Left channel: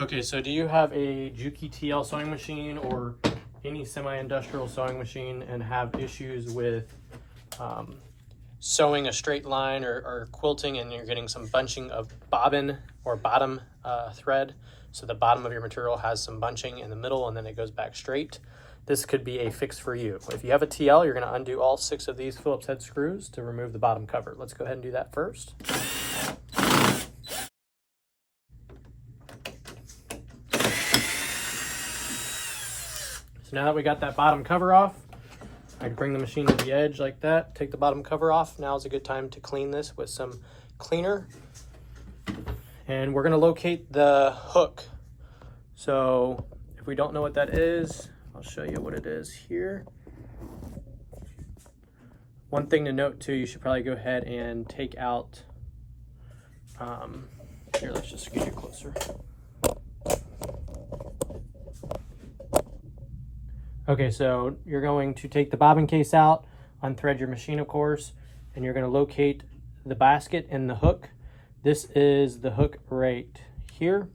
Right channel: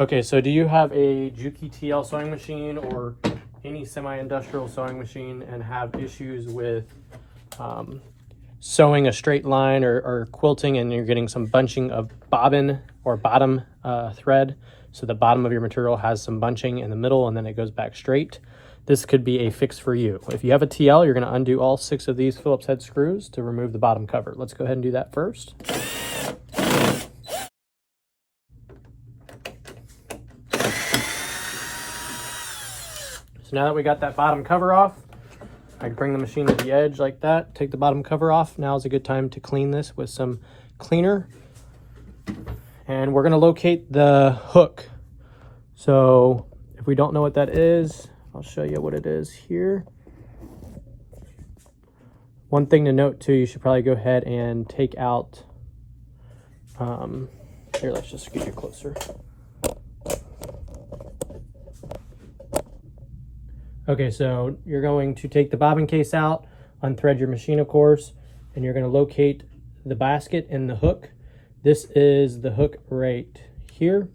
Okay, so do you have a Juki TL sewing machine or any semi-industrial sewing machine and have issues with sewing a straight line or quilting, and you're getting some bunching of bobbin or bottom thread? So the bottom of your material has some bunching in the middle and then it goes back straight. This could be a fix for you. If you have a TL, you're going to undo all 6 of these Phillips head screws to remove the bottom cover. Let's go ahead and do that first. So now that we got that bottom cover off, I'd bring the machine to the edge like that, take the bottom cover off. Now is a good time to clean this with some cleaner. And we're going to locate the hook. So if we don't know what that is, I'll show you what it is here. One thing to note too, you should probably go ahead and take out, here, let's just get you closer. Okay, so you're going to take the bobbin case out, unthread your machine, of course, and you're going to locate the basket and the hook. This is the hook right here.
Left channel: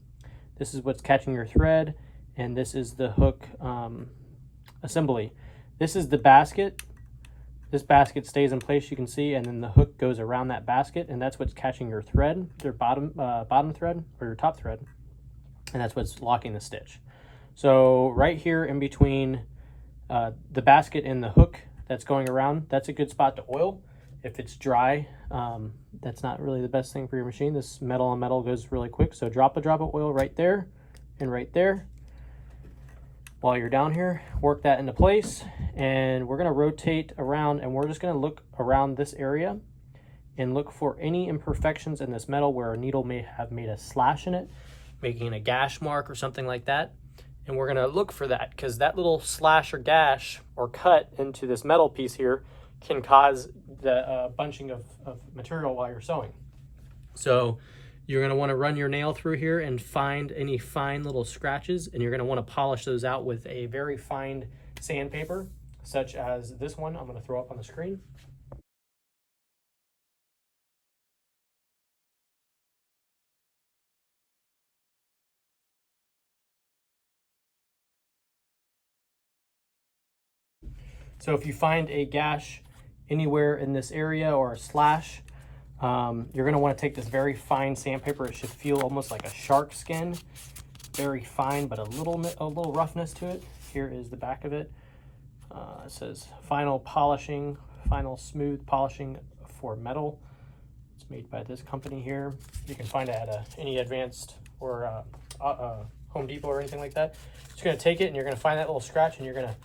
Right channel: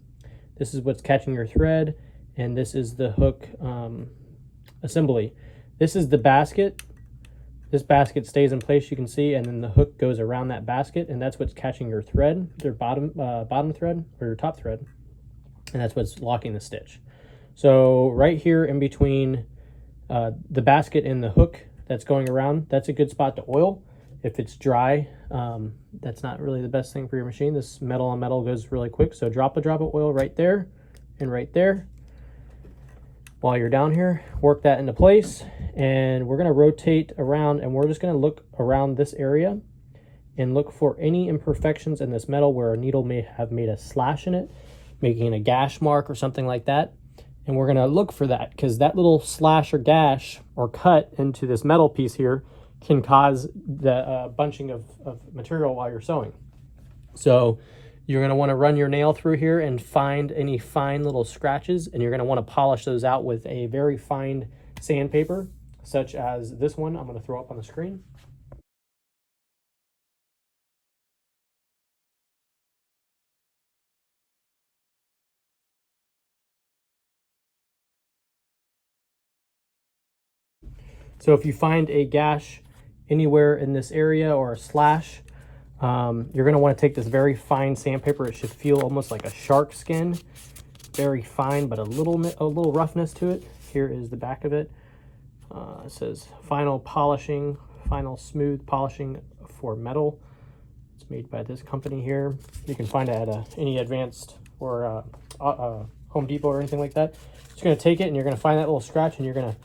This is what's catching your thread, and this is the hook assembly. This is the basket. This basket stays in place, you can see, and then the hook goes around that basket, and that's what's catching your thread, your bottom thread or your top thread, and that's what's locking the stitch. So right here in between the basket and the hook that's going around, that's a good spot to oil. If it's dry, that's not really the best thing for your machine. This metal on metal goes really quick, so drop a drop of oil right there and right there. While you're down here, work that into place, and we're going to rotate around, and we're just going to look around this area and look for any imperfections in this metal where a needle may have made a slash in it, making a gash mark or something like that. And we're going to look for that, because that little slash or gash or cut into this metal piece here can cause the bunching of material while you're sewing. So you're going to want to run your nail through here and find any fine little scratches, and you're going to want to polish those out with a very fine sandpaper, such as this one I'm going to throw up on the screen. So if you find a gash anywhere in this area or a slash, you're going to want to take this very fine sandpaper. It should feel almost like a shark skin, very fine, but a little roughness to it. Here is the back of it. It says final polishing, final smooth polishing for metal. It's made by this company here. You can find it at any Advanced or Home Depot or anything like that. So you're going to take it and you're going to find that little scratch and you're going to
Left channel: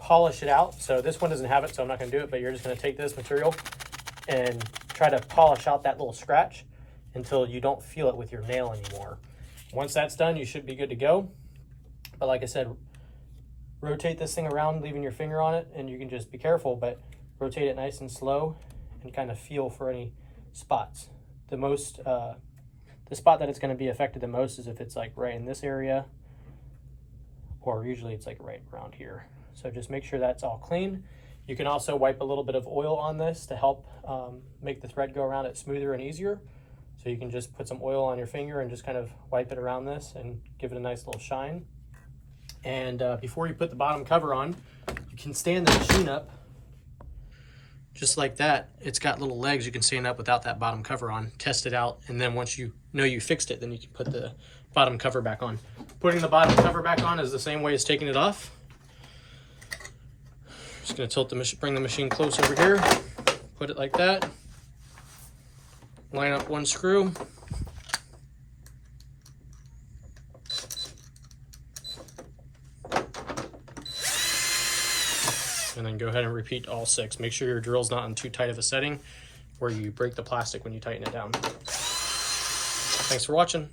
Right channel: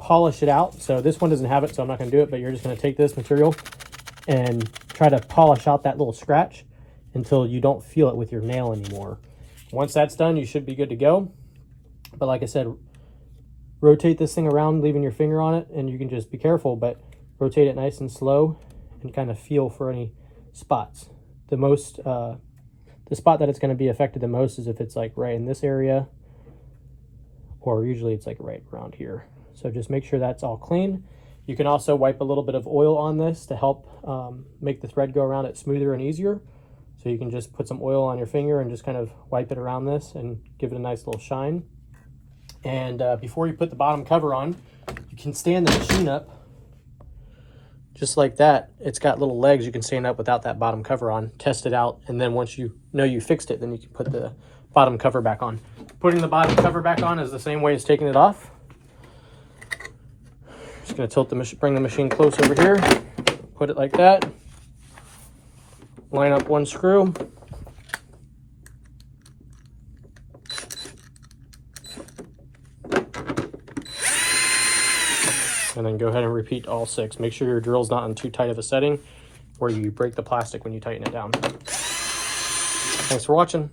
polish it out. So this one doesn't have it, so I'm not going to do it, but you're just going to take this material and try to polish out that little scratch until you don't feel it with your nail anymore. Once that's done, you should be good to go. But like I said, rotate this thing around, leaving your finger on it, and you can just be careful, but rotate it nice and slow and kind of feel for any spots. The spot that it's going to be affected the most is if it's like right in this area, or usually it's like right around here. So just make sure that's all clean. You can also wipe a little bit of oil on this to help make the thread go around it smoother and easier. So you can just put some oil on your finger and just kind of wipe it around this and give it a nice little shine. And before you put the bottom cover on, you can stand the machine up just like that. It's got little legs you can stand up without that bottom cover on. Test it out, and then once you know you fixed it, then you can put the bottom cover back on. Putting the bottom cover back on is the same way as taking it off. Just going to tilt the machine, bring the machine close over here, put it like that, line up one screw, and then go ahead and repeat all 6. Make sure your drill's not on too tight of a setting where you break the plastic when you tighten it down. Thanks for watching.